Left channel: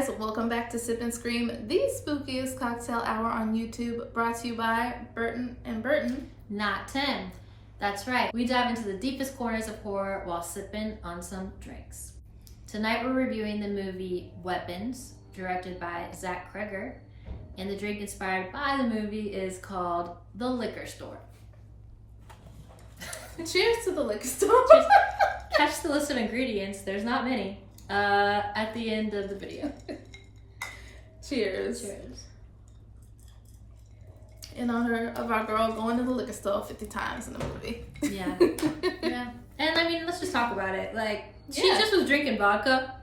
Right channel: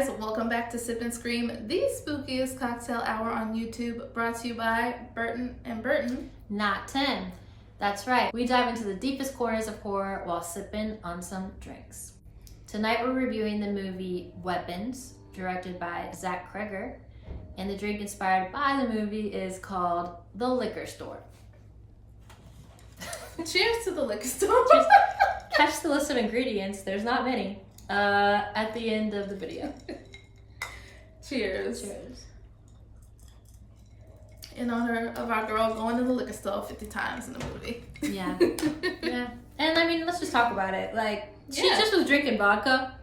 guys, welcome back to Sip and Scream, the spookiest cocktail hour on YouTube, brought to you by Burton and Burton. Not Tim. That's right. We dive into the deepest corners of horror while sipping on some drinks. Tonight we're reviewing the movie Weapons, directed by Zach Cregger, and the drink inspired by the movie is called The Liquor Store. Cheers to the liquor store. Cheers. Catch the list of ingredients, there's not many, at the end of the video. Cheers. Cheers. In honor of our girl going to the liquor store 50 times in the movie. Yeah. Yeah. And I mean, let's just talk about it. Like, she Yeah. just was drinking vodka.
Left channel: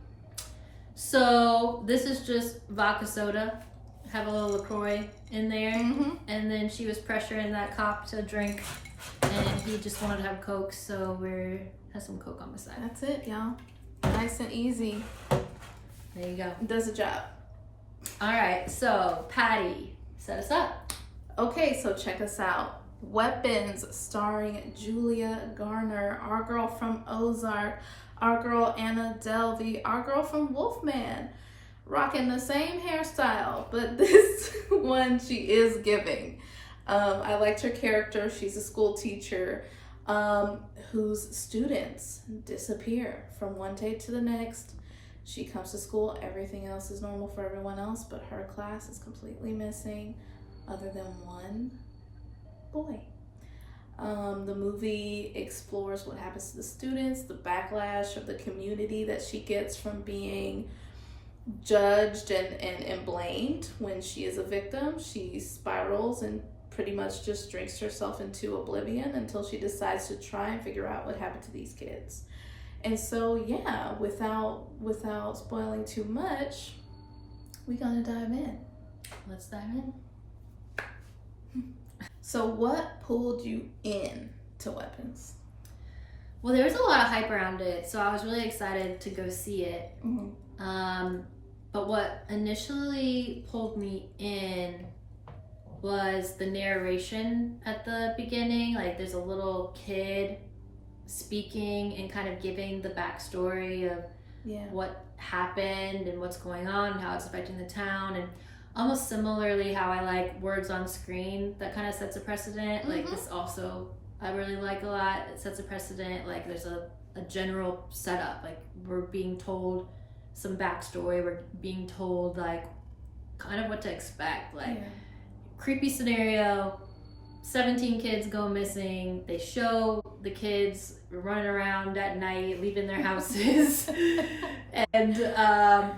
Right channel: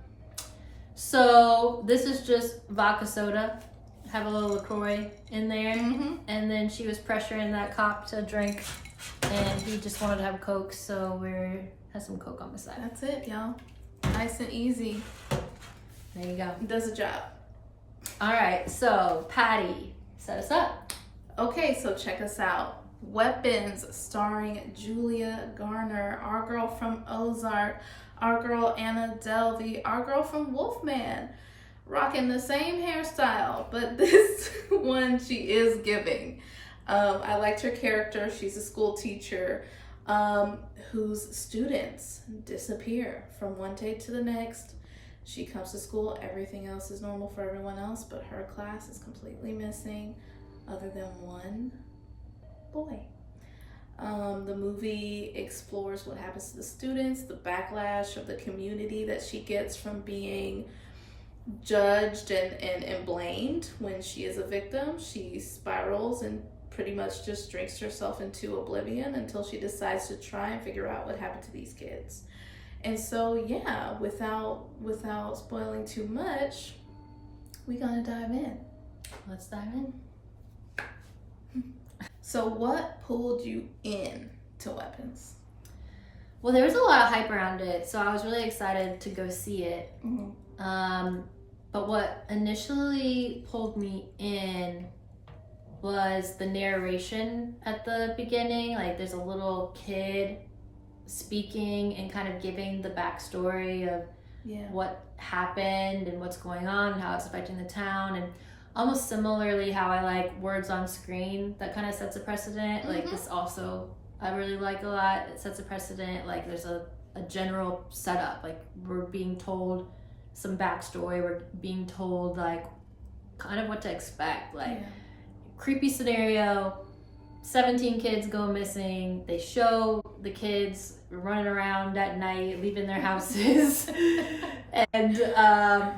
So this is just vodka soda. Have a little LaCroix in there. Mm-hmm. And then she was pressuring that cop to drink. And he just wanted to have Coke, so has some Coke on the side. That's it, y'all. Nice and easy. There you go. Does the job. All right, so Pattie, set us up. Okay, so check us out. Weapons, starring Julia Garner, our girl from Ozark, our girl Anna Delvey, our girl from Wolfman, rocking the same hairstyle, but this one she is giving. I liked her character. She's a school teacher whose students disappear from one day to the next. She comes to school, everything else is normal for everyone else, but her class is completely missing other than one boy. The movie explores what happens to the students, the backlash of the community that she gets from being judged and blamed when she is a victim. She spirals and pretty much just drinks herself into oblivion until she decides to try and figure out what happened to these kids. And so, yeah, without spoiling too much, we're gonna dive in. Let's dive in. So what pulled you in to Weapons? Well, there was a lot of hype around it, so I was really excited to go see it. Mm-hmm. But what initially pulled me in was the narration at the beginning. Like, there's a little kid speaking and kind of giving the backstory of what happened and what's going on and how it's affecting the town, and almost similarly how I like words on screen that kind of sets a precedent. Like, this also I really like a lot. It sets a precedent. Like, there's a general setup. Like, we're being told some backstory. We're being told like kind of what to expect. Like, creepy scenario, 17 kids go missing. They show the kids running around at night, leaving their houses. And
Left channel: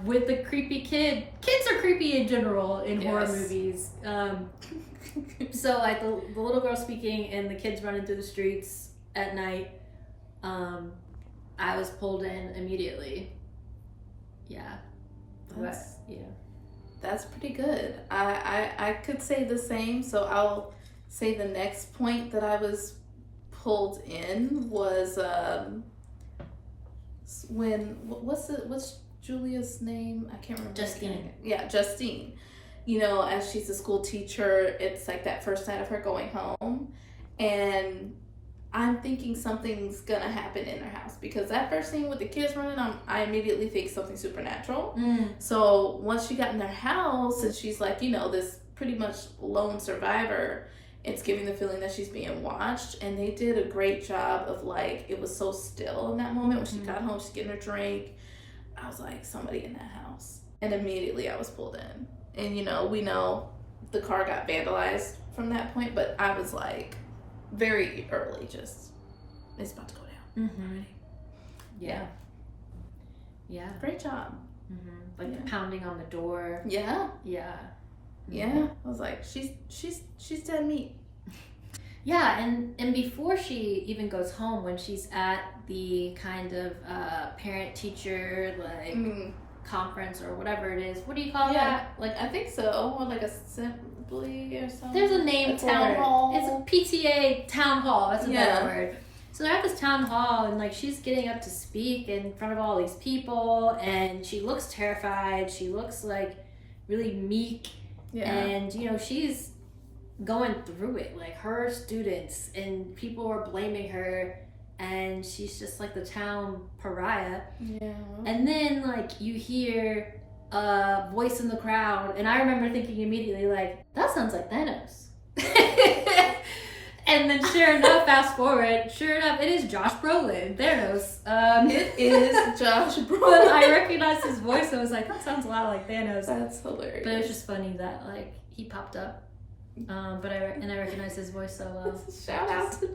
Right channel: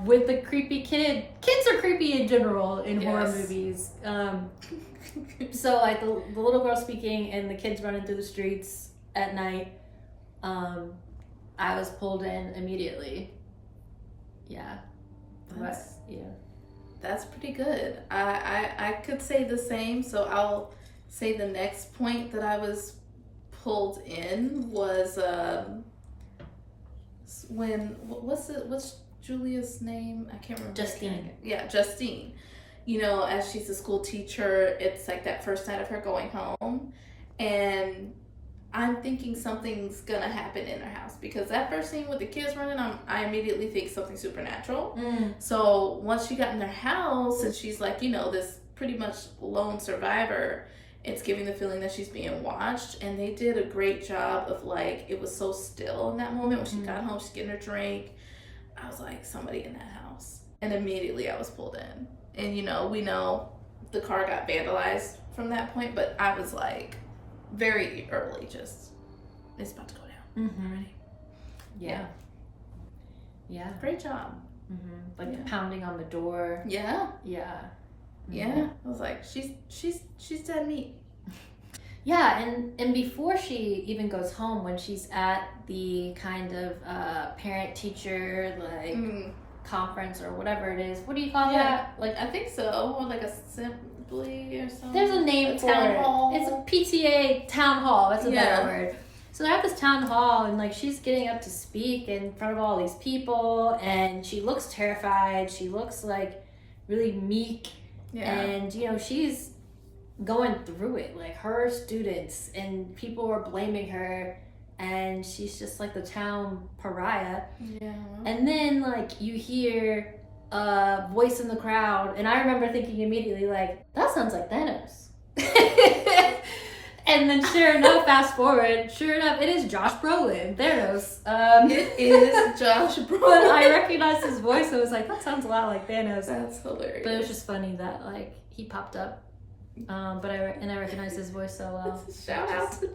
with the creepy kids are creepy in general in horror movies. So like the little girl speaking and the kids running through the streets at night, I was pulled in immediately. Yeah. That's pretty good. I could say the same, so I'll say the next point that I was pulled in was what's Julia's name? I can't remember. Justine. Yeah, Justine. You know, as she's a school teacher, it's like that first night of her going home, and I'm thinking something's gonna happen in her house, because that first scene with the kids running, I immediately think something supernatural. So once she got in their house and she's like, you know, this pretty much lone survivor, it's giving the feeling that she's being watched. And they did a great job of, like, it was so still in that moment when she got home, she's getting her drink. I was like, somebody in that house. And immediately I was pulled in. And, you know, we know the car got vandalized from that point, but I was like, very early, just, it's about to go down already. Yeah. Great job. Like the pounding on the door. Yeah. I was like, she's dead meat. Yeah, and before she even goes home, when she's at the kind of parent teacher like conference or whatever it is, what do you call that? Like, I think so, or like assembly or something. There's a name for town it. hall. It's a PTA town hall. That's a better word. So they're at this town hall, and like she's getting up to speak in front of all these people, and she looks terrified. She looks like really meek, and you know, she's going through it. Like, her students and people are blaming her, and she's just like the town pariah. And then like you hear a voice in the crowd, and I remember thinking immediately, like, that sounds like Thanos. And then sure enough, fast forward, sure enough, it is Josh Brolin, Thanos. It is Josh Brolin. But I recognized his voice, so I was like, that sounds a lot like Thanos. That's hilarious. But it was just funny that, like, he popped up. But I recognized his voice so well. Shout out to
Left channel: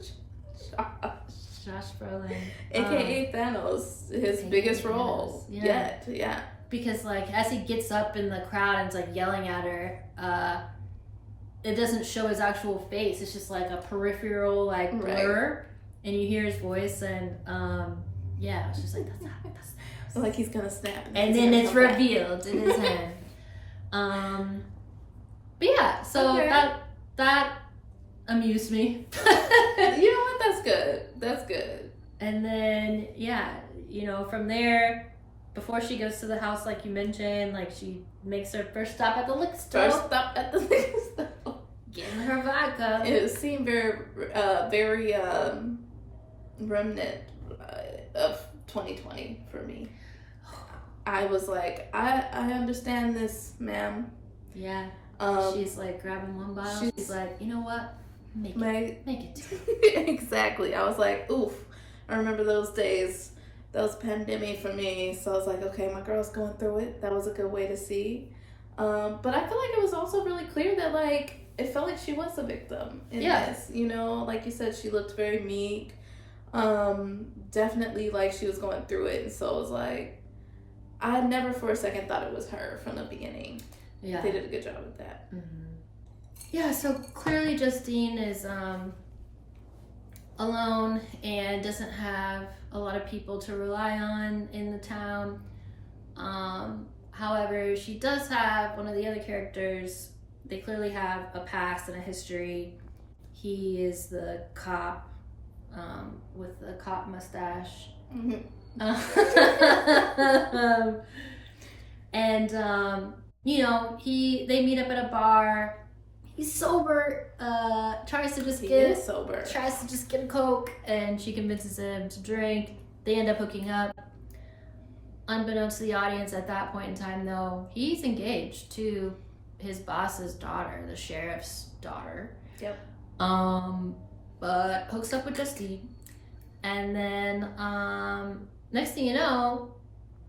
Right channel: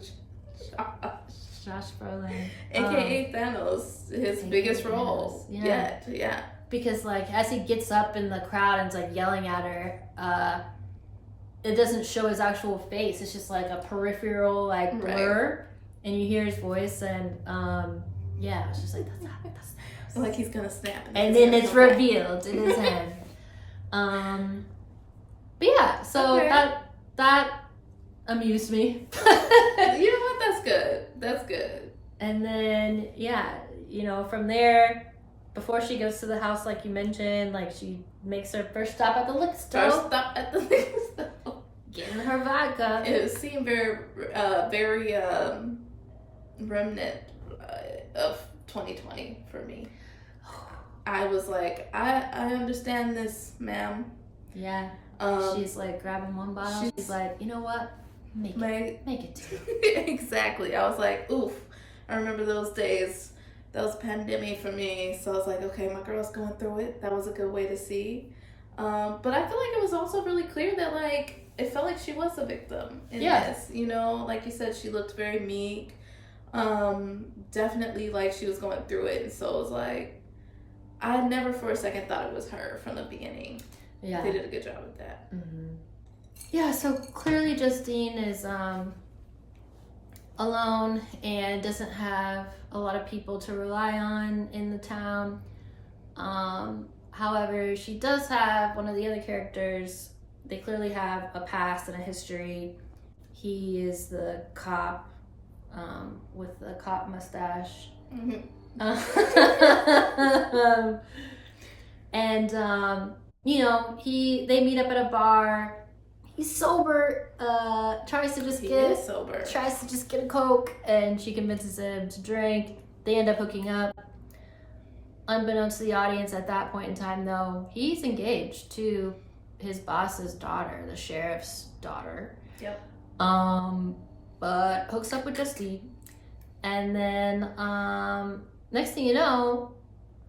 Josh Brolin. AKA Thanos, his biggest role yet. Yeah. Because, like, as he gets up in the crowd and is, like, yelling at her, it doesn't show his actual face. It's just, like, a peripheral, like, blur. Right. And you hear his voice, and, yeah, it's just like, that's Thanos. Like he's gonna snap. And then it's revealed in his head. But yeah, so that amused me. You know what? That's good. That's good. And then, yeah, you know, from there, before she goes to the house, like you mentioned, like she makes her first stop at the liquor store. First stop at the liquor store. Getting her vodka. It seemed very remnant of 2020 for me. I was like, I understand this, ma'am. Yeah. She's like grabbing one bottle. She's like, you know what? Make it two. Exactly. I was like, oof. I remember those days. That was pandemic for me. So I was like, okay, my girl's going through it. That was a good way to see. But I feel like it was also really clear that, like, it felt like she was a victim in this. You know, like you said, she looked very meek. Definitely like she was going through it. And so it was like, I never for a second thought it was her from the beginning. Yeah. They did a good job with that. Mm-hmm. Yeah, so clearly Justine is alone and doesn't have a lot of people to rely on in the town. However, she does have one of the other characters. They clearly have a past and a history. He is the cop with the cop mustache. Mm-hmm. And you know, they meet up at a bar. He's sober, tries to just get a Coke, and she convinces him to drink. They end up hooking up. Unbeknownst to the audience at that point in time, though, he's engaged to his boss's daughter, the sheriff's daughter. Yep. But hooks up with Justine. And then, next thing you know,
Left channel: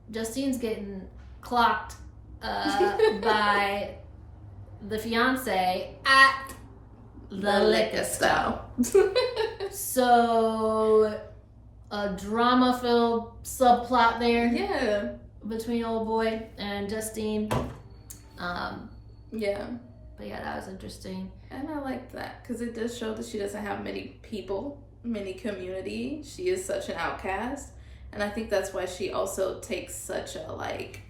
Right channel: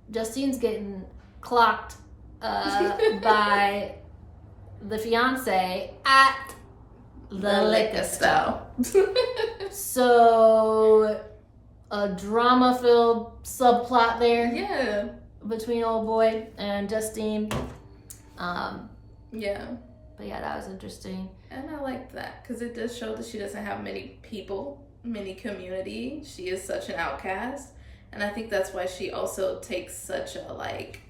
Justine's getting clocked by the fiance at the liquor store. So a drama-filled subplot there. Yeah. Between old boy and Justine. Yeah. But yeah, that was interesting. And I like that because it does show that she doesn't have many people, many community. She is such an outcast. And I think that's why she also takes such a, like,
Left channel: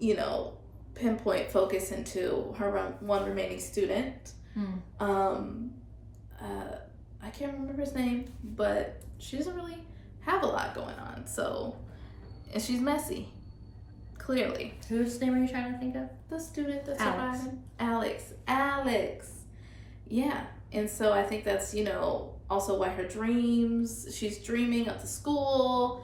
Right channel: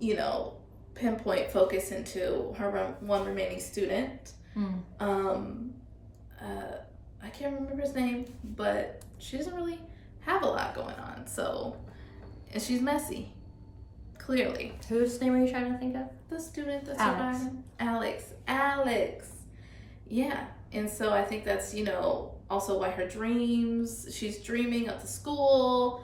you know, pinpoint focus into her one remaining student. I can't remember his name, but she doesn't really have a lot going on. So, and she's messy, clearly. Whose name are you trying to think of? The student that's surviving. Alex. Yeah. And so I think that's, you know, also why she's dreaming of the school.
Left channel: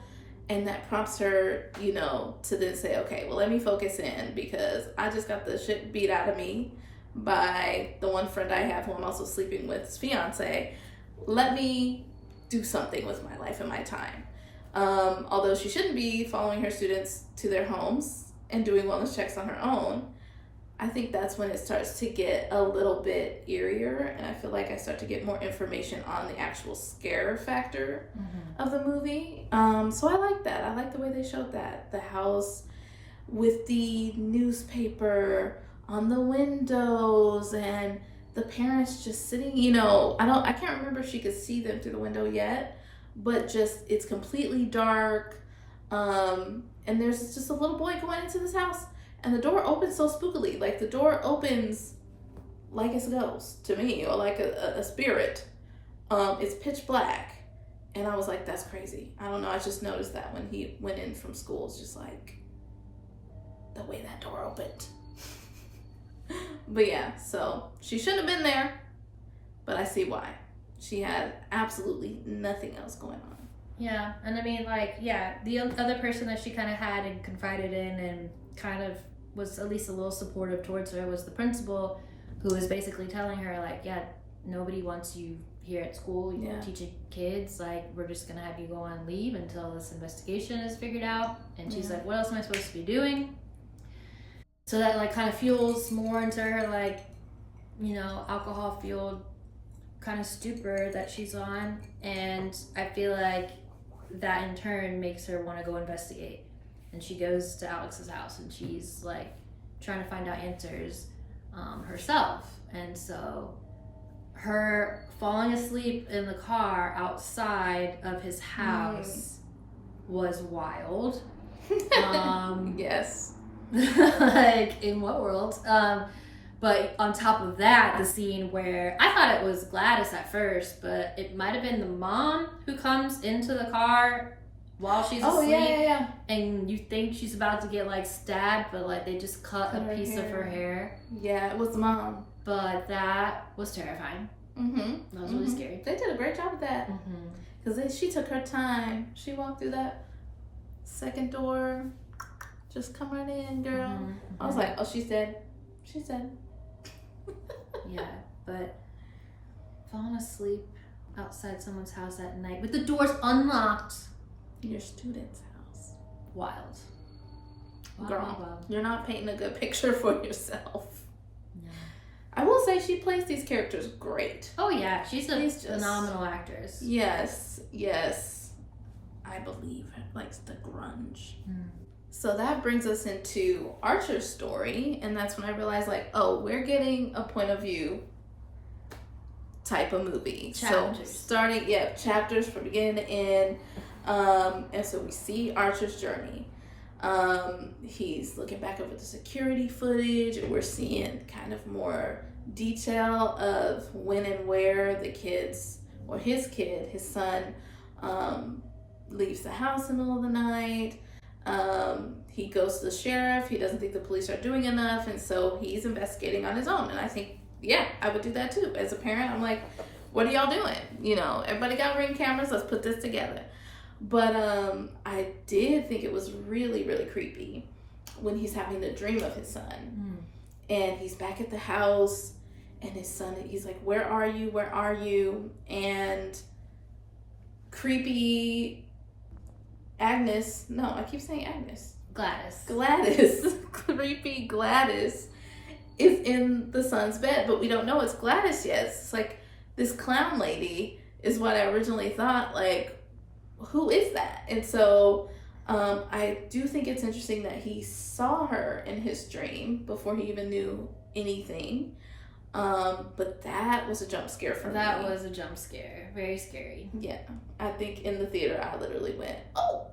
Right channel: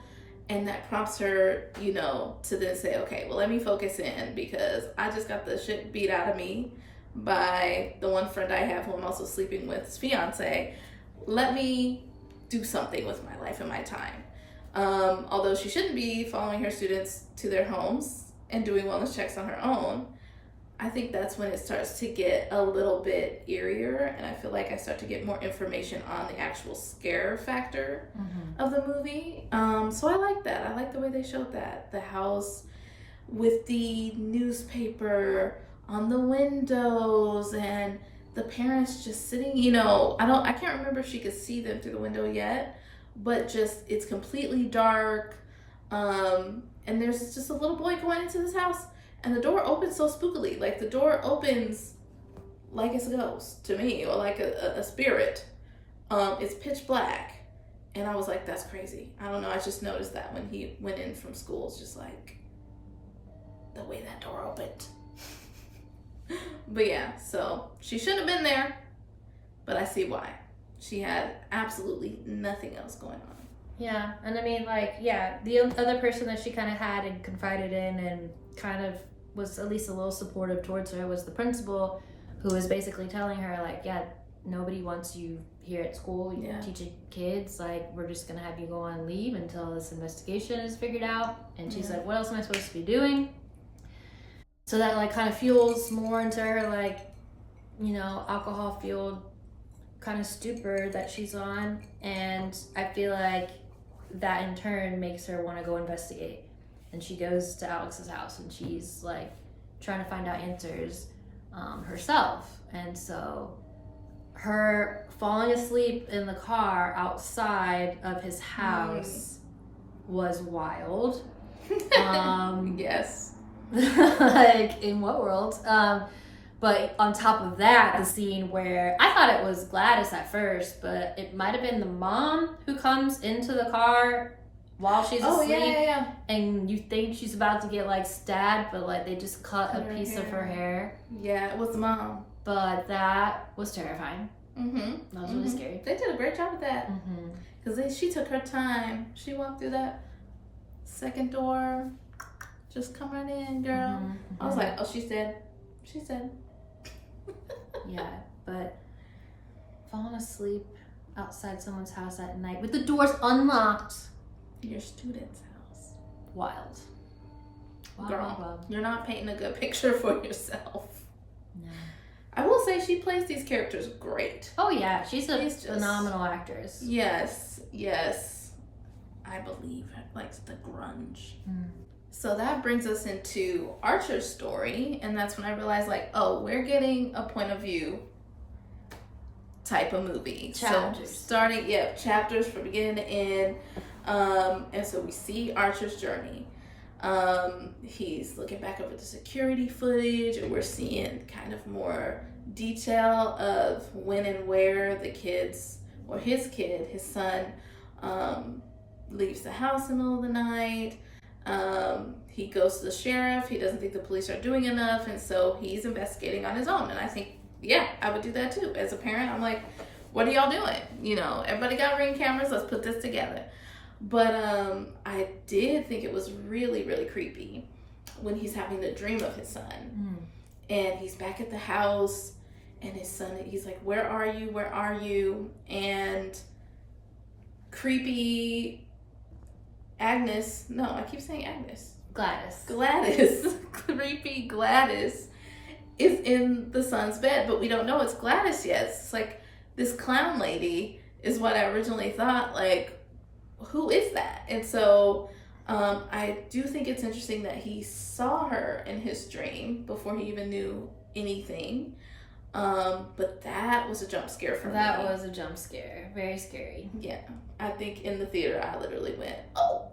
And that prompts her, you know, to then say, okay, well, let me focus in because I just got the shit beat out of me by the one friend I have who I'm also sleeping with, his fiance. Let me do something with my life and my time. Although she shouldn't be following her students to their homes and doing wellness checks on her own, I think that's when it starts to get a little bit eerier, and I feel like I start to get more information on the actual scare factor of the movie. So I like that. I like the way they showed that. The house with the newspaper on the windows and the parents just sitting, you know, I can't remember if she could see them through the window yet, but just, it's completely dark. And there's just a little boy going into this house. And the door opens so spookily. Like, the door opens like it's a ghost to me, or like a spirit. It's pitch black. And I was like, that's crazy. I don't know. I just noticed that when he went in from school. It's just like the way that door opened. But yeah, so she shouldn't have been there. But I see why. She had absolutely nothing else going on. Yeah. And I mean, like, yeah, the other person that she kind of had and confided in and kind of was at least a little supportive towards her was the principal, who was basically telling her, like, yeah, nobody wants you here at school. You're teaching kids. Like, we're just going to have you go on leave until this investigation is figured out. And she's like, what else am I supposed to be doing? So that, like, kind of fuels more into her, like, you know, alcohol-fueled kind of stupor that she's on. And I feel like that, in turn, makes her want to go investigate. And she goes to Alex's house, and she's, like, trying to find out answers herself. And so her falling asleep in the car outside of his house was wild. Yes. Like, in what world? But on top of that, the scene where I thought it was Gladys at first, but it might have been the mom who comes into the car while she's asleep. Yeah. And you think she's about to get, like, stabbed, but, like, they just cut a piece of her hair. Yeah, it was the mom. But that was terrifying. That was really scary. They did a great job with that. Because she took her time. She walked through that second door. Just come right in, girl. I was like, oh, she's dead. She's dead. Yeah, but falling asleep outside someone's house at night with the doors unlocked. Your student's house. Wild. Girl, you're not painting a good picture for yourself. No. I will say she plays these characters great. Oh yeah, she's a phenomenal actress. Yes. I believe, like, the grunge. So that brings us into Archer's story, and that's when I realized, like, oh, we're getting a point of view type of movie. Chapters. So starting, chapters from beginning to end. And so we see Archer's journey. He's looking back over the security footage, and we're seeing kind of more detail of when and where the kids, or his son, leaves the house in the middle of the night. He goes to the sheriff. He doesn't think the police are doing enough, and so he's investigating on his own. And I think, I would do that too. As a parent, I'm like, what are y'all doing? You know, everybody got Ring cameras. Let's put this together. But I did think it was really, really creepy when he's having the dream of his son. And he's back at the house, and his son, he's like, where are you? Where are you? And creepy Agnes, no, I keep saying Agnes. Gladys. Creepy Gladys is in the son's bed, but we don't know it's Gladys yet. It's like, this clown lady is what I originally thought, like, who is that? And so I do think it's interesting that he saw her in his dream before he even knew anything. But that was a jump scare for me. That was a jump scare. Very scary. Yeah. I think in the theater I literally went, oh!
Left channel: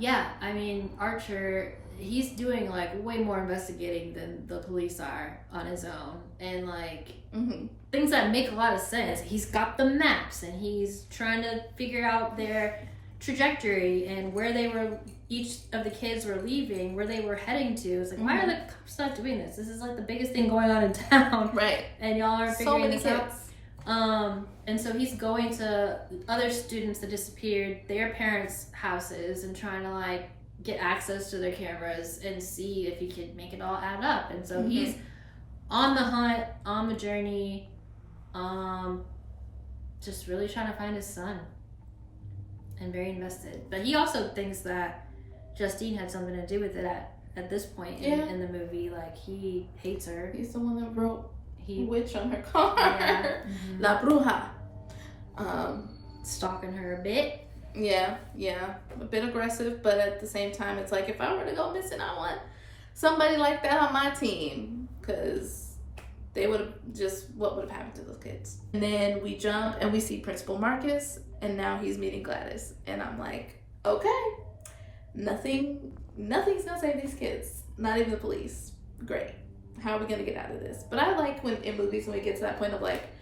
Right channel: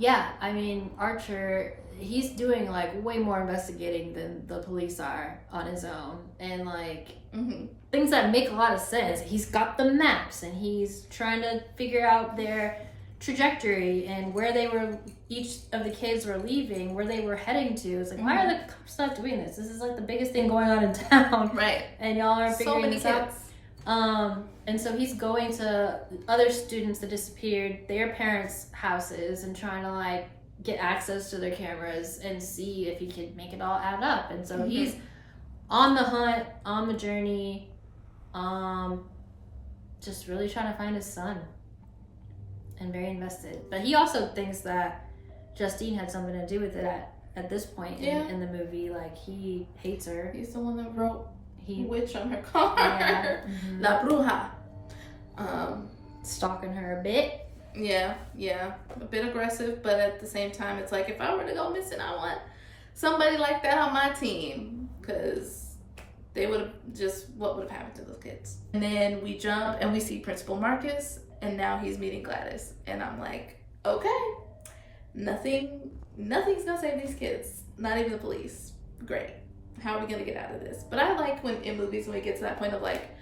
Yeah, I mean, Archer, he's doing, like, way more investigating than the police are on his own. And, like, things that make a lot of sense. He's got the maps, and he's trying to figure out their trajectory and where they were, each of the kids were leaving, where they were heading to. It's like, why are the cops not doing this? This is, like, the biggest thing going on in town. Right. And y'all are figuring this out. Kids. And so he's going to other students that disappeared, their parents' houses, and trying to, like, get access to their cameras and see if he can make it all add up. And so he's on the hunt, on the journey, just really trying to find his son, and very invested. But he also thinks that Justine had something to do with it at this point in the movie. Like, he hates her. He's the one that wrote witch on her car. La Bruja. Stalking her a bit. Yeah, a bit aggressive, but at the same time, it's like, if I were to go missing, I want somebody like that on my team, because they would have what would have happened to those kids? And then we jump and we see Principal Marcus, and now he's meeting Gladys, and I'm like, okay, nothing's gonna save these kids, not even the police. Great. How are we gonna get out of this? But I like when in movies when we get to that point of like,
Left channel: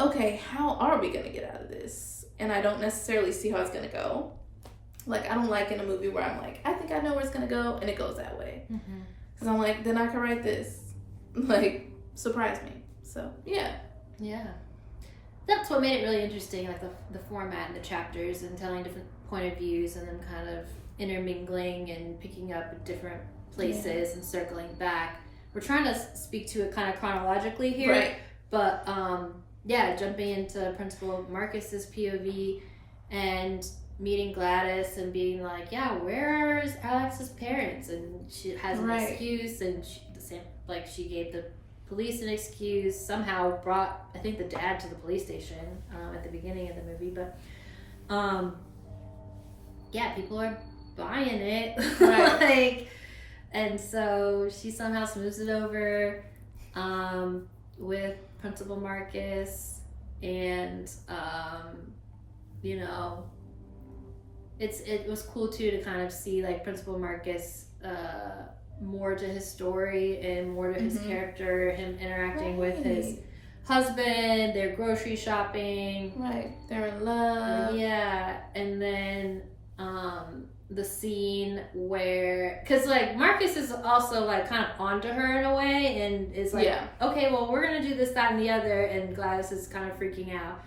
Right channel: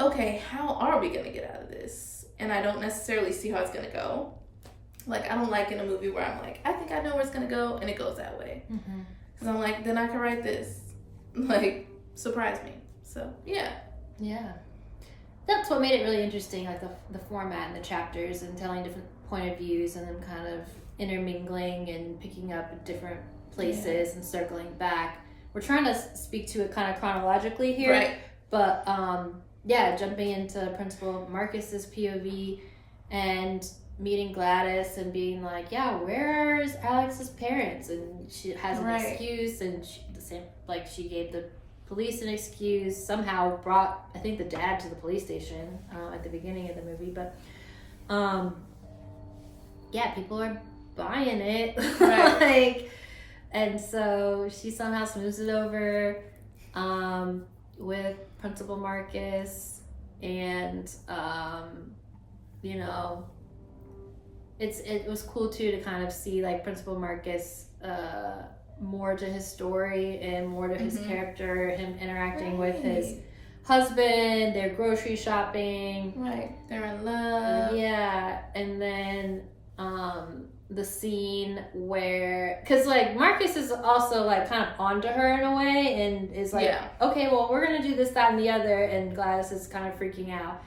okay, how are we gonna get out of this? And I don't necessarily see how it's gonna go. Like, I don't like in a movie where I'm like, I think I know where it's gonna go, and it goes that way. Because I'm like, then I can write this. Like, surprise me. So, yeah. Yeah. That's what made it really interesting, like the format and the chapters and telling different point of views and then kind of intermingling and picking up different places and circling back. We're trying to speak to it kind of chronologically here. Right. But, jumping into Principal Marcus's POV and meeting Gladys and being like, yeah, where's Alex's parents? And she has an excuse, and she gave the police an excuse, somehow brought, I think, the dad to the police station at the beginning of the movie. But, people are buying it. Right. And so she somehow smooths it over with Principal Marcus, and it was cool too to kind of see like Principal Marcus more to his story and more to his character, him interacting with his husband, their grocery shopping, they're in love, and then the scene where, because like Marcus is also like kind of onto her in a way and is like, okay, well, we're gonna do this, that, and the other, and Gladys is kind of freaking out,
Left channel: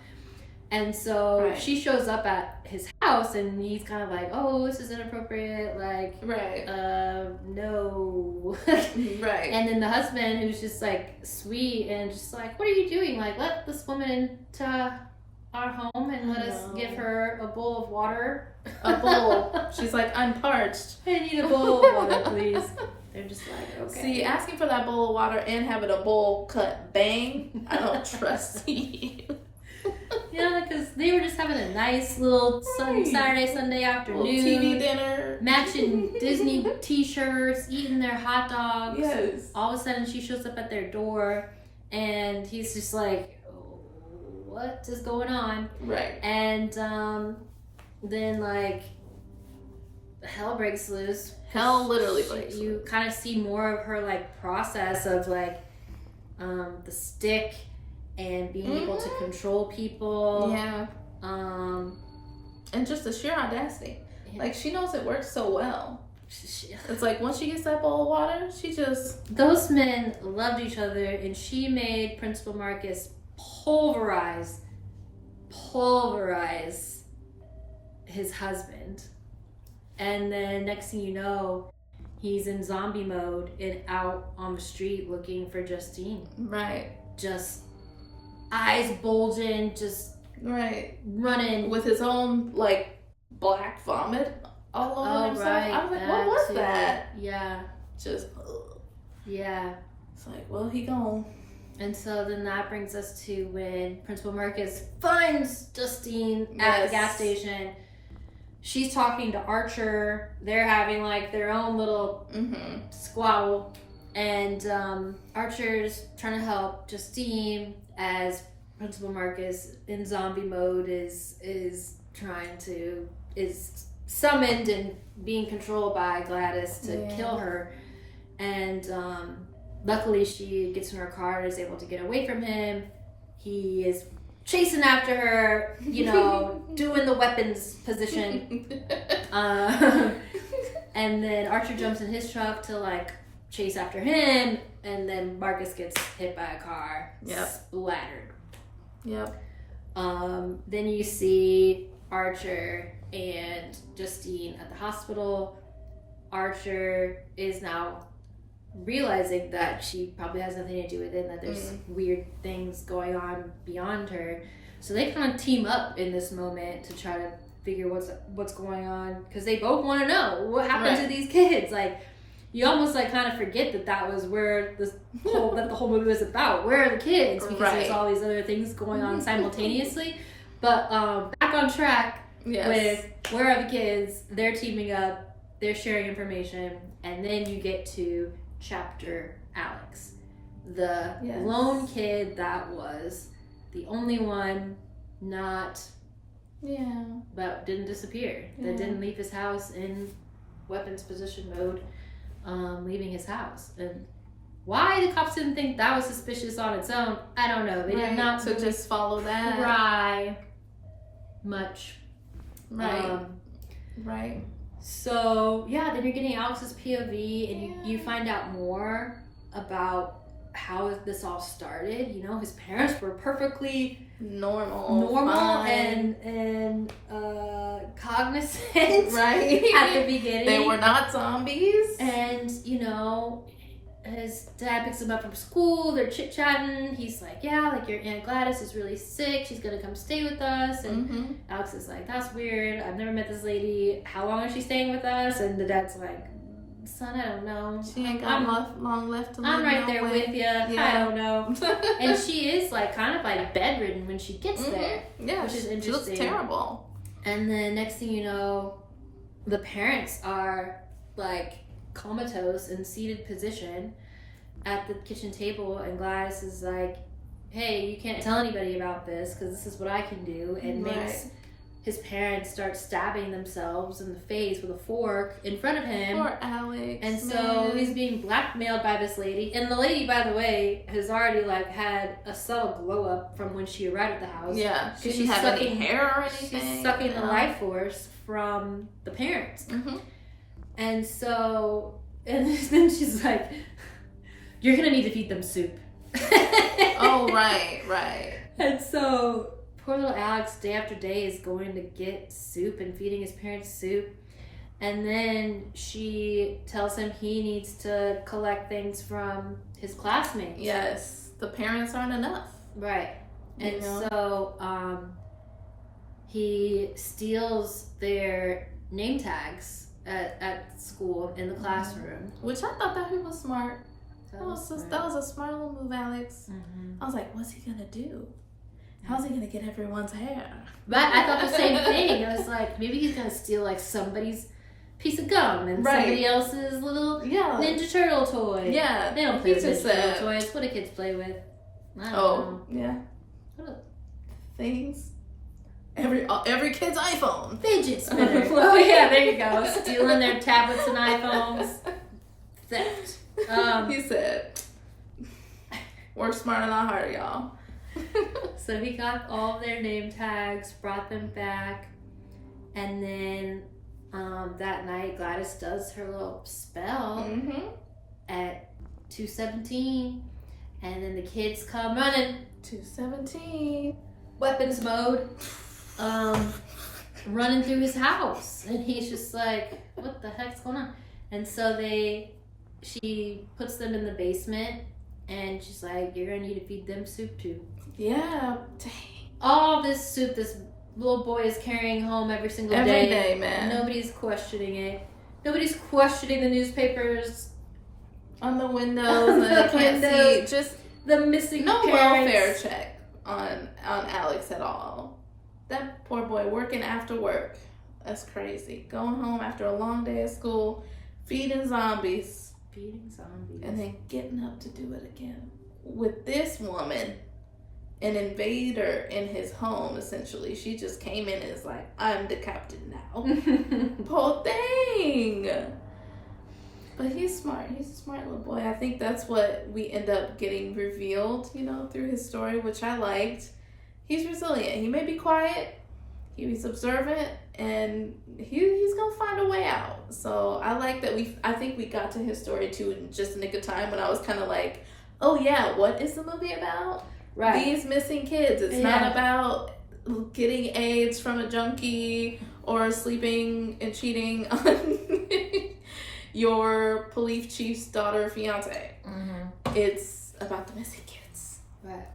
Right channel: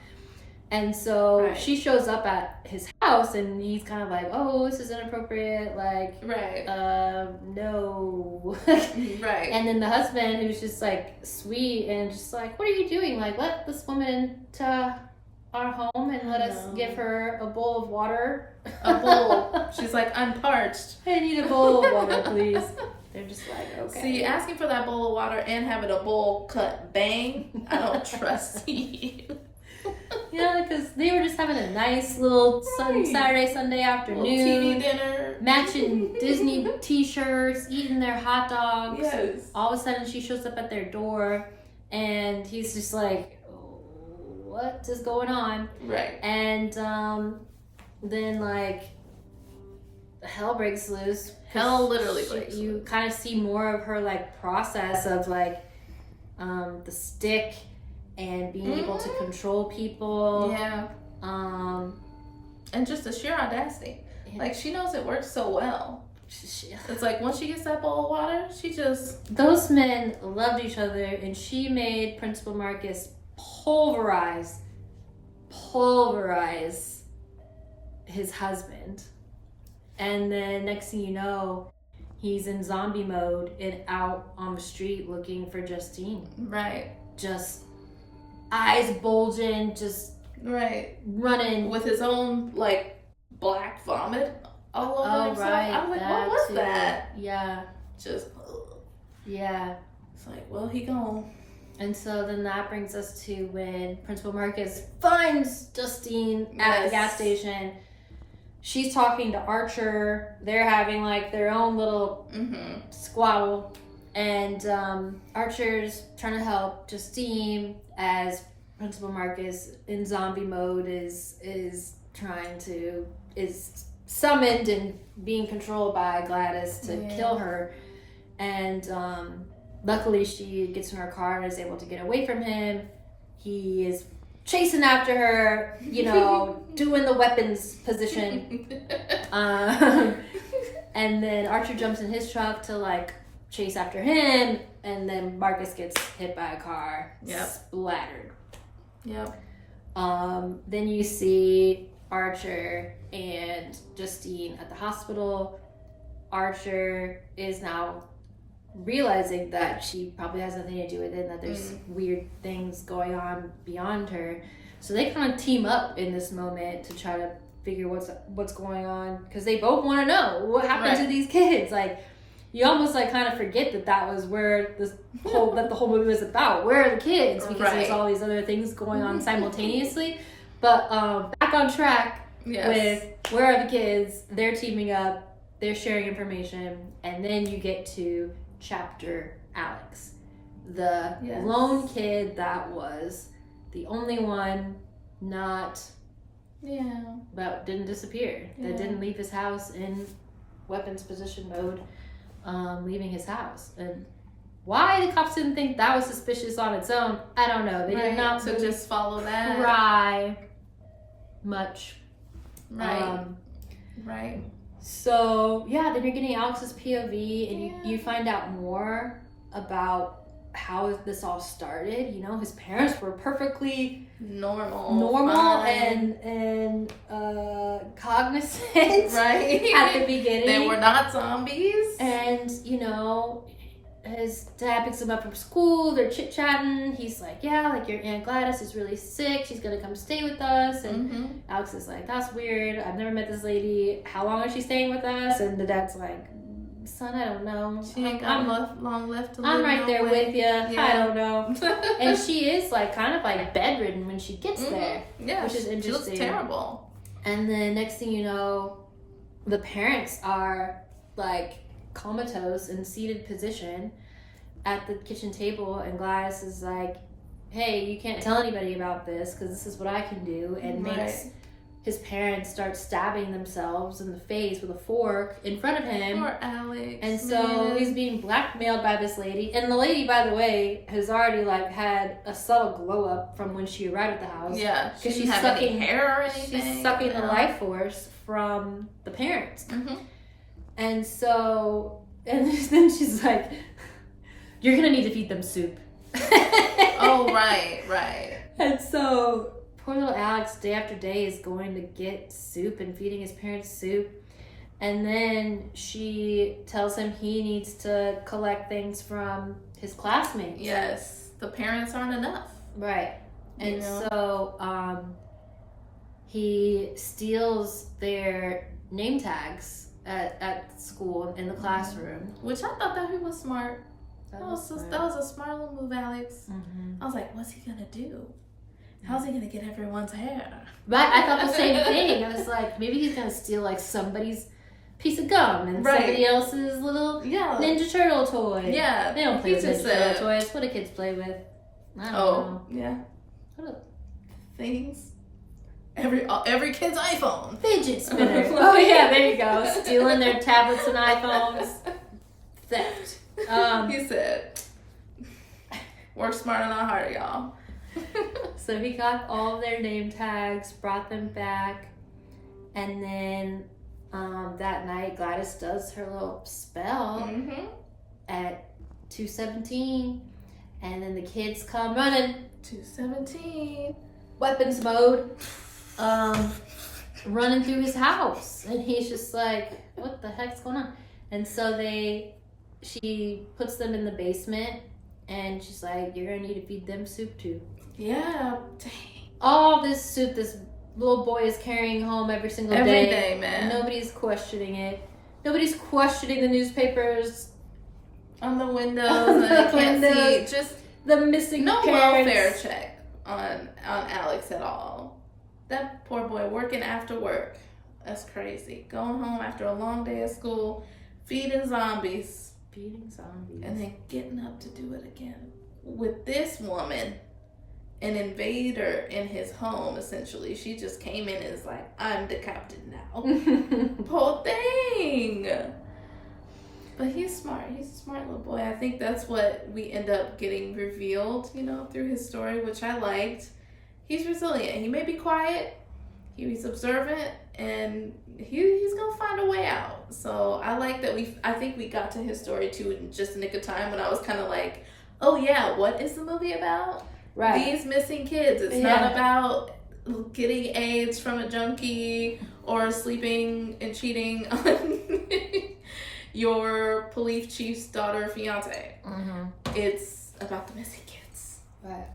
and so she shows up at his house and he's kind of like, oh, this is inappropriate, like, no. And then the husband, who's just like sweet and just like, what are you doing, like, let this woman to our home and let us give her a bowl of water. A bowl. She's like, I'm parched. I need a bowl of water, please. They're just like, okay. See, asking for that bowl of water and having a bowl cut bang, I don't trust you. Because they were just having a nice little Saturday, Sunday afternoon. Little TV dinner. Matching Disney t-shirts, eating their hot dogs. Yes. All of a sudden, she shows up at their door and he's just like, what is going on? Right. And then like hell breaks loose. Hell literally breaks loose. You kind of see more of her like process of like the stick and being able to control people. Yeah. And just the sheer audacity. Like, she knows it works so well. It's like once she gets that bowl of water, she just... Those men loved each other, and she made Principal Marcus pulverize his husband. And then next thing you know, he's in zombie mode and out on the street looking for Justine. Right. Just eyes bulging, just running with his own like black vomit all over himself. I was like, what was that? Yeah. Just yeah. It's like, well, he gone. And so then that brings us to when Principal Marcus finds Justine at the gas station. She's talking to Archer. They're having like their own little squabble. And Archer's trying to help Justine as Principal Marcus in zombie mode is summoned and being controlled by Gladys to kill her. And luckily she gets in her car and is able to get away from him. He is chasing after her, doing the weapons position. And then Archer jumps in his truck to like chase after him, and then Marcus gets hit by a car, splattered. Yep. Then you see Archer and Justine at the hospital. Archer is now realizing that she probably has nothing to do with it, and that there's weird things going on beyond her. So they kind of team up in this moment to try to figure what's going on, because they both want to know what happened to these kids. Like, you almost like kind of forget that was where the whole movie was about. Where are the kids? Because there's all these other things going on simultaneously. But back on track with where are the kids? They're teaming up. They're sharing information, and then you get to Chapter Alex, the lone kid that was the only one not but didn't disappear, that didn't leave his house in weapons position mode, leaving his house. And why the cops didn't think that was suspicious on its own, I don't know. They did not so just follow that try much. So, then you're getting Alex's POV, and you find out more about how this all started. His parents were perfectly normal fine. and cognizant right at the beginning. They were not zombies. And, his dad picks him up from school. They're chit-chatting. He's like, yeah, like, your Aunt Gladys is really sick. She's going to come stay with us. And Alex is like, that's weird. I've never met this lady. How long is she staying with us? And the dad's like, son, I don't know. She ain't got long left to live. I'm right there with you. Yeah. I don't know. And she is, like, kind of, like, bedridden when she gets there. Yeah, which is interesting. She looks terrible. And then next thing you know, the parents are, like, comatose in seated position at the kitchen table, and Gladys is like, hey, you can't tell anybody about this because this is what I can do, and makes his parents start stabbing themselves in the face with a fork in front of him. Poor Alex. And so he's being blackmailed by this lady, and the lady, by the way, has already, like, had a subtle glow up from when she arrived at the house. Yeah, she she's didn't have any sucking hair or anything. She's sucking the life force from the parents. And so, and then she's like, you're gonna need to feed them soup. Oh, right. And so poor little Alex, day after day, is going to get soup and feeding his parents soup. And then she tells him he needs to collect things from his classmates. Yes, the parents aren't enough. Right. And so he steals their name tags at school in the classroom. Which I thought that he was smart. That was a smart little move, Alex. I was like, what's he gonna do? How's he gonna get everyone's hair? Right, I thought the same thing. I was like, maybe he's gonna steal, like, somebody's piece of gum and somebody else's little Ninja Turtle toy. Yeah, they don't play with Ninja Turtle toys. What do kids play with? I don't know. Yeah. What things? Every kid's iPhone. Fidget spinner. Oh yeah, there you go. Stealing their tablets and iPhones. Theft. He said, work smarter, not harder, y'all. So he got all their name tags, brought them back, and then that night Gladys does her little spell at 2:17, and then the kids come running. 2:17. Weapons mode. Running through his house, and he's just like, what the heck's going on? And so she puts them in the basement, and she's like, you're gonna need to feed them soup too. Yeah. Dang. All this soup this little boy is carrying home every single day. Every day, man. Nobody's questioning it. Nobody's questioning the newspapers on the windows. And I can't see just the missing no parents. welfare check on Alex at all. That poor boy working after work. That's crazy. Going home after a long day of school, feeding zombies. And then getting up to do it again. With this woman, an invader in his home, essentially. She just came in and is like, I'm the captain now. Poor thing. But he's smart. He's a smart little boy. I think that's what we end up getting revealed, through his story, which I liked. He's resilient. He may be quiet. He's observant. And he's gonna find a way out. So I like that I think we got to his story too in just a nick of time when I was kind of like, oh yeah, what is the movie about? Right. These missing kids. It's not about getting AIDS from a junkie or sleeping and cheating on your police chief's daughter or fiance. It's about the missing kids. Right.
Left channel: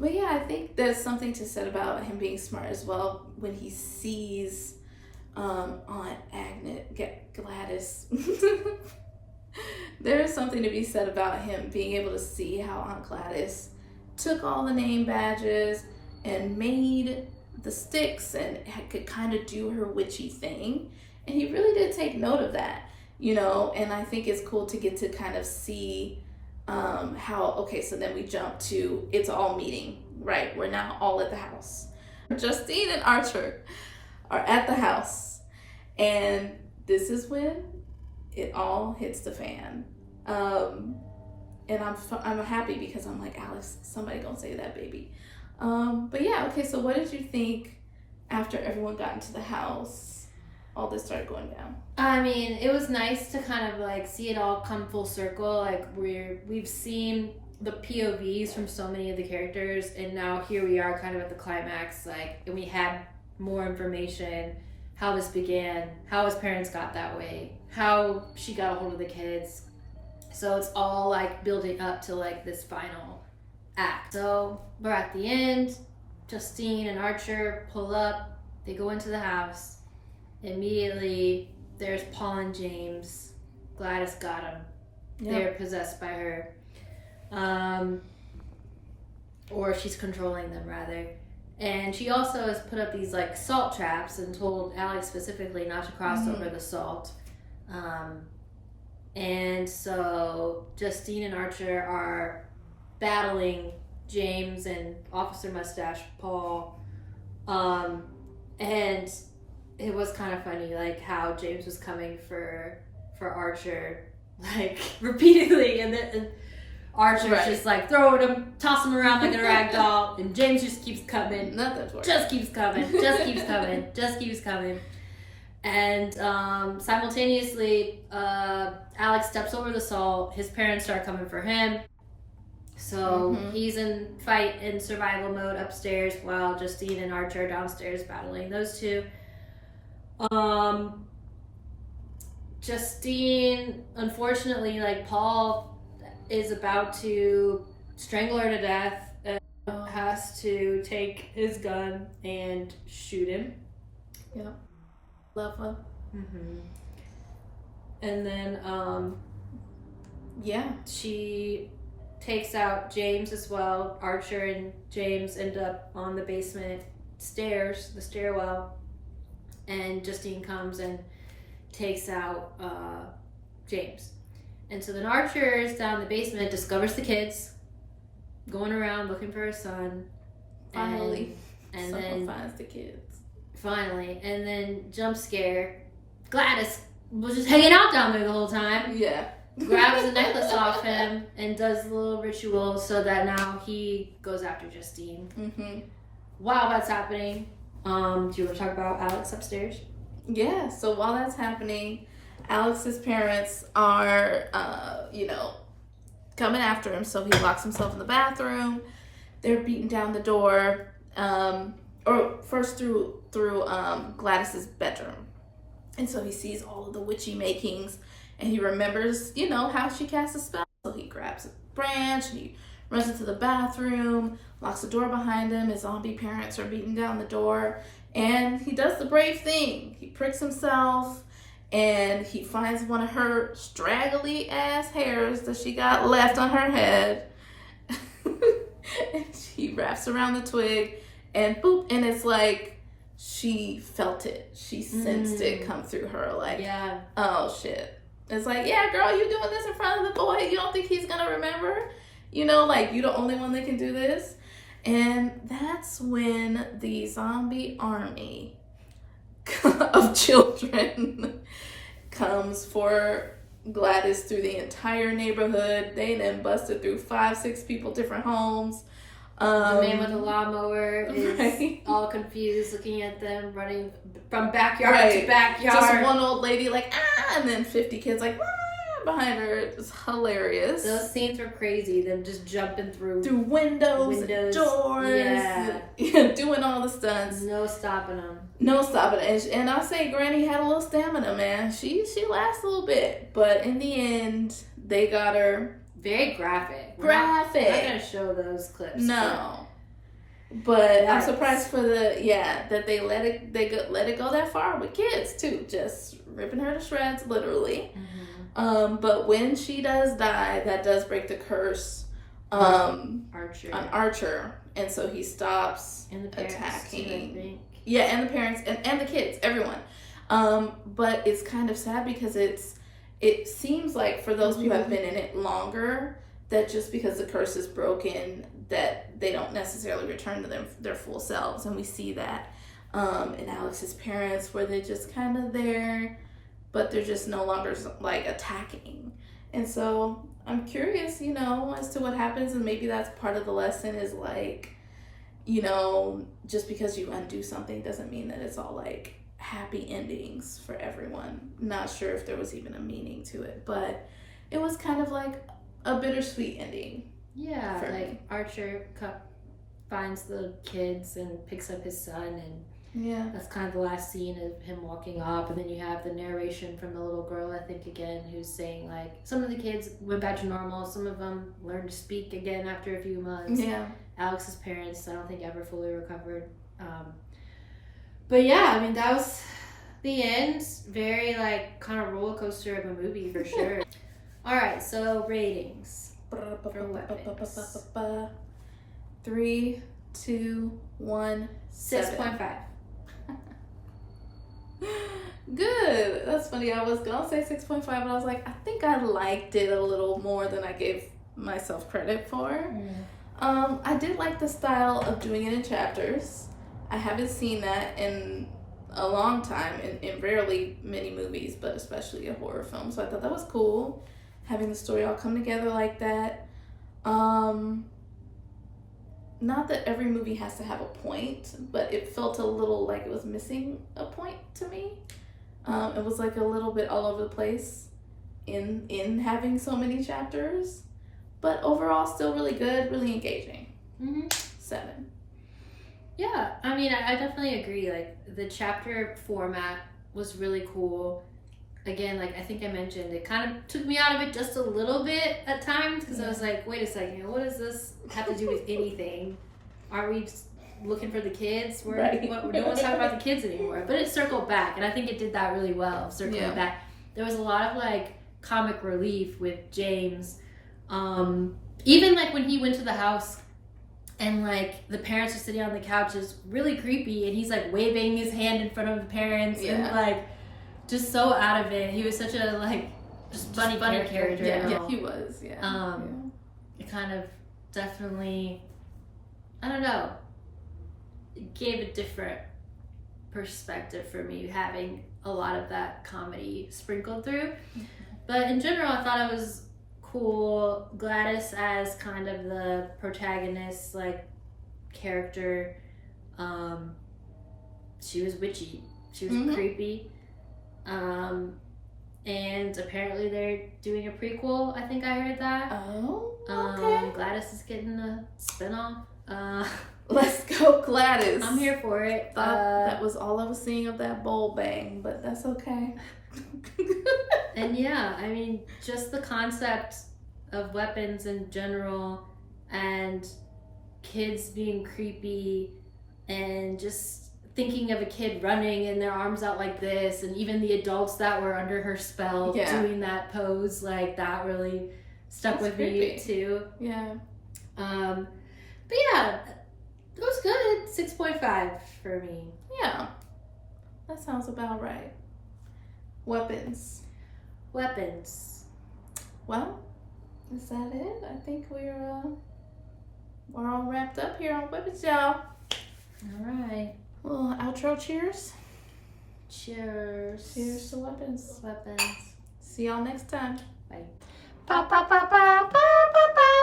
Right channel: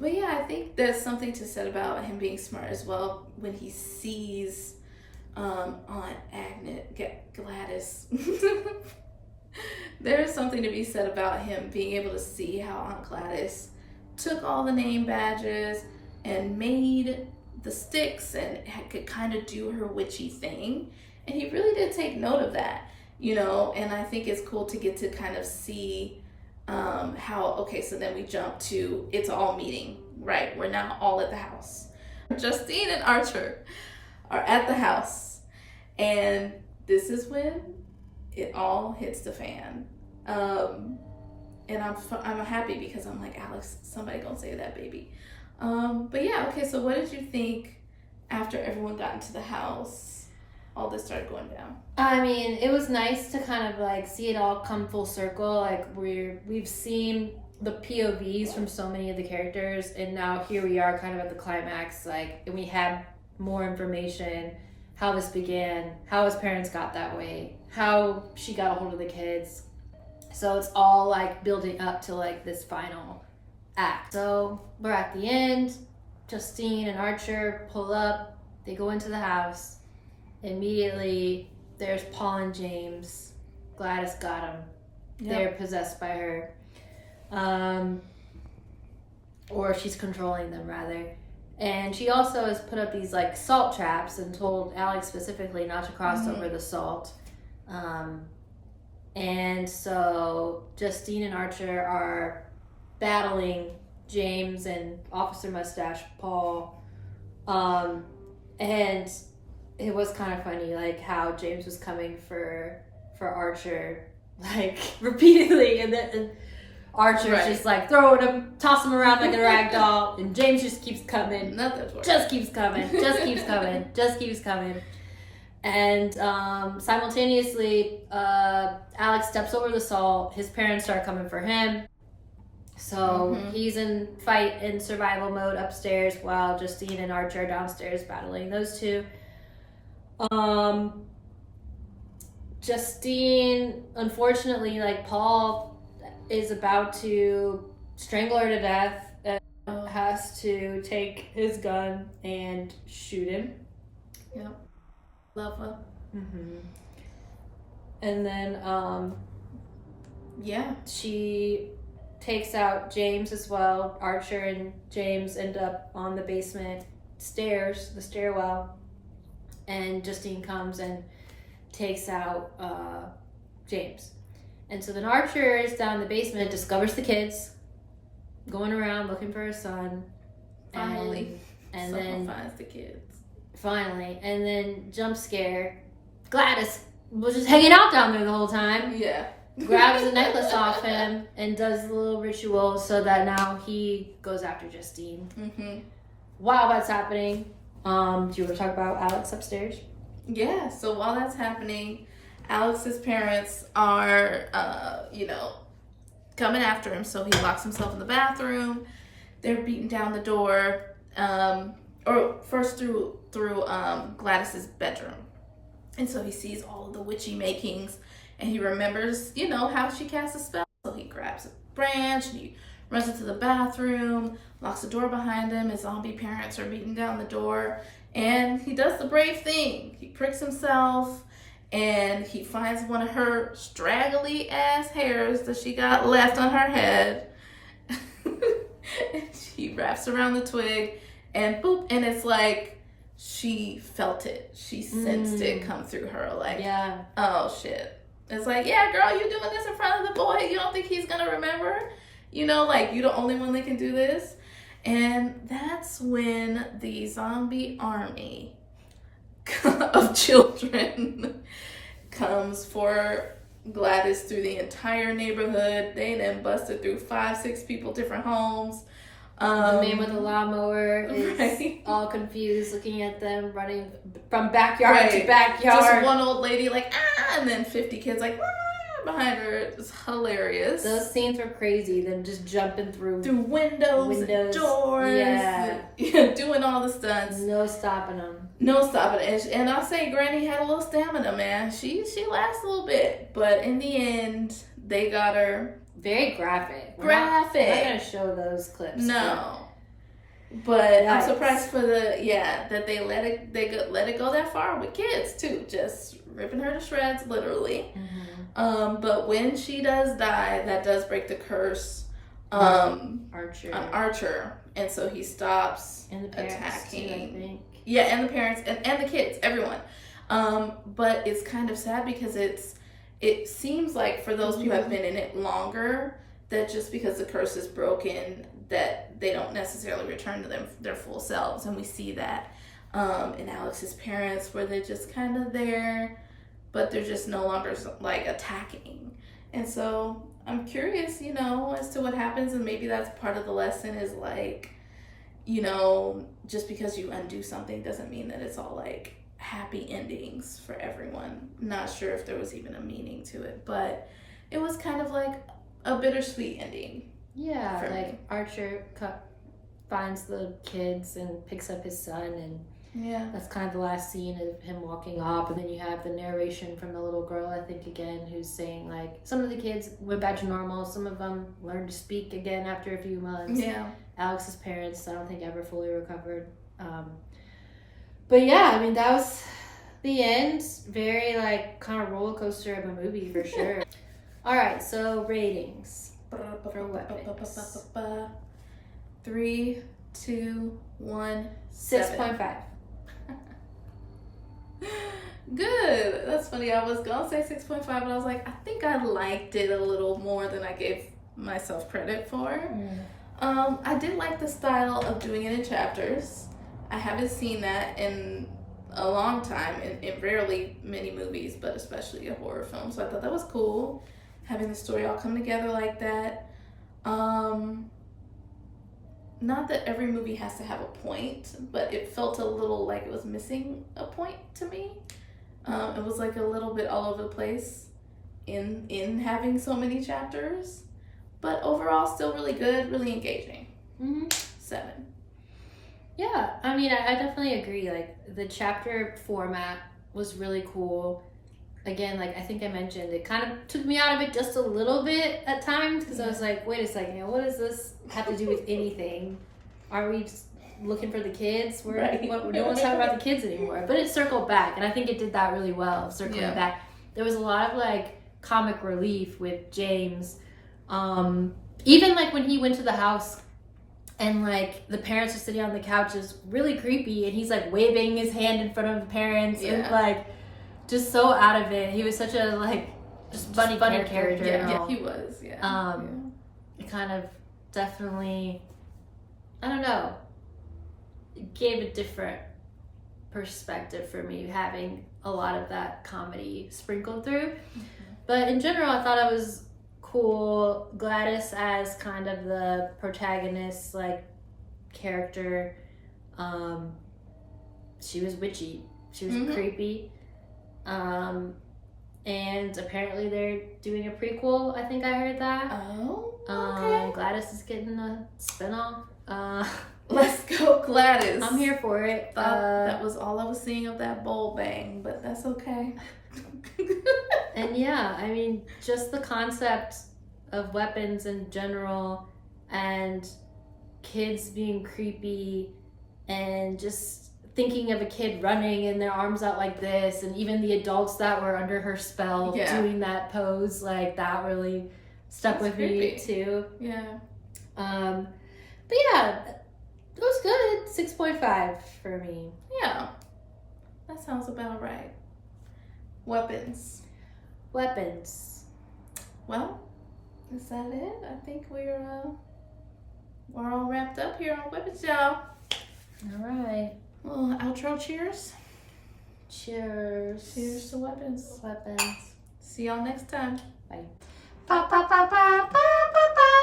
But yeah, I think there's something to said about him being smart as well when he sees Aunt Gladys. There's something to be said about him being able to see how Aunt Gladys took all the name badges and made the sticks and could kind of do her witchy thing. And he really did take note of that, and I think it's cool to get to kind of see so then we jump to it's all meeting, right? We're now all at the house. Justine and Archer are at the house, and this is when it all hits the fan. And I'm happy because I'm like, Alex, somebody gonna say that, baby. But yeah, okay, so what did you think after everyone got into the house? All this started going down. I mean, it was nice to kind of like see it all come full circle. Like we've seen the POVs from so many of the characters, and now here we are kind of at the climax, like, and we had more information how this began, how his parents got that way, how she got a hold of the kids. So it's all like building up to like this final act. So we're at the end. Justine and Archer pull up. They go into the house. Immediately, there's Paul and James. Gladys got them. Yep. They're possessed by her. Or she's controlling them, rather. And she also has put up these like salt traps and told Alex specifically not to cross over the salt. And so Justine and Archer are battling James and Officer Mustache Paul. And it was kind of funny, like how James was coming for Archer, like repeatedly, and then Archer's just like throwing him, tossing him around like a rag doll, and James just keeps coming. Nothing's working. Just keeps coming. Just keeps coming. Just keeps coming. And simultaneously, Alex steps over the salt. His parents start coming for him. So he's in fight and survival mode upstairs while Justine and Archer are downstairs battling those two. Justine, unfortunately, like Paul is about to strangle her to death and has to take his gun and shoot him. Yep. Love her. And then, she takes out James as well. Archer and James end up on the basement stairs, the stairwell, and Justine comes and takes out James. And so then Archer is down in the basement, discovers the kids, going around looking for her son. Finally. And someone then finds the kids. Finally. And then jump scare. Gladys was just hanging out down there the whole time. Yeah. Grabs the necklace off him and does the little ritual so that now he goes after Justine. While that's happening, do you want to talk about Alex upstairs? Yeah, so while that's happening, Alex's parents are, coming after him. So he locks himself in the bathroom. They're beating down the door, or first through Gladys's bedroom. And so he sees all of the witchy makings, and he remembers, how she casts a spell. So he grabs a branch, and he runs into the bathroom, locks the door behind him. His zombie parents are beating down the door, and he does the brave thing. He pricks himself, and he finds one of her straggly ass hairs that she got left on her head. And she wraps around the twig, and boop, and it's like she felt it. She sensed it come through her, like, oh shit. It's like, yeah, girl, you doing this in front of the boy. You don't think he's gonna remember? Like, you the only one that can do this. And that's when the zombie army of children comes for Gladys through the entire neighborhood. They then busted through 5-6 people, different homes. The man with the lawnmower is all confused, looking at them, running from backyard to backyard. Just one old lady like, and then 50 kids like, behind her. It's hilarious. Those scenes were crazy. Them just jumping through windows and doors. Doing all the stunts. No stopping them. And I'll say Granny had a little stamina, man. She lasts a little bit. But in the end, they got her. Very graphic. We're not gonna show those clips. No. But I'm surprised for that they let it go that far with kids too, just ripping her to shreds, literally. But when she does die, that does break the curse on Archer, and so he stops attacking. And the parents and the kids, everyone. But it's kind of sad because it seems like for those who have been in it longer, that just because the curse is broken, that they don't necessarily return to their full selves. And we see that in Alex's parents, where they're just kind of there, but they're just no longer like attacking. And so I'm curious, as to what happens. And maybe that's part of the lesson is like, just because you undo something doesn't mean that it's all like happy endings for everyone. Not sure if there was even a meaning to it, but it was kind of like a bittersweet ending. Yeah, like Archer finds the kids and picks up his son, and Yeah. That's kind of the last scene of him walking up, and then you have the narration from the little girl, I think, again, who's saying, like, some of the kids went back to normal, some of them learned to speak again after a few months. Yeah. Alex's parents, I don't think ever fully recovered. But yeah, I mean, that was the end. Very, like, kind of roller coaster of a movie for sure. All right, so ratings for weapons. 3, 2, 1. 6.5. Good. That's funny. I was gonna say 6.5, but I was like, I think I liked it a little more than I gave myself credit for. I did like the style of doing it in chapters. I haven't seen that in a long time, in rarely many movies, but especially a horror film. So I thought that was cool, having the story all come together like that. Not that every movie has to have a point, but it felt a little like it was missing a point to me. It was like a little bit all over the place in having so many chapters, but overall still really good, really engaging. 7. Yeah, I mean, I definitely agree. Like, the chapter format was really cool. Again, like I think I mentioned, it kind of took me out of it just a little bit at times, because I was like, wait a second, what does this have to do with anything? Are we just looking for the kids? No one's talking about the kids anymore. But it circled back, and I think it did that really well, circling back. There was a lot of like comic relief with James. Even like when he went to the house and like the parents are sitting on the couch, is really creepy, and he's like waving his hand in front of the parents and like just so out of it. He was such a like just funny character. Yeah, he was. It kind of definitely, I don't know, it gave a different perspective for me, having a lot of that comedy sprinkled through. But in general, I thought it was cool. Gladys as kind of the protagonist, like, character, she was witchy, she was creepy, and apparently they're doing a prequel. I think I heard that. Okay. Gladys is getting a spinoff. Let's go, Gladys. I'm here for it. That was all I was seeing of that bowl bang, but that's okay. And yeah, I mean, just the concept of weapons in general, and kids being creepy, and just thinking of a kid running and their arms out like this, and even the adults that were under her spell doing that pose, like, that really stuck with me too. But yeah, it was good. 6.5 for me. Yeah, that sounds about right. Weapons. Well, is that it? I think we're all wrapped up here on weapons, y'all. All right. Well, outro cheers. Cheers. Cheers to weapons. Weapons. See y'all next time. Bye. Ba, ba, ba, ba, ba, ba, ba.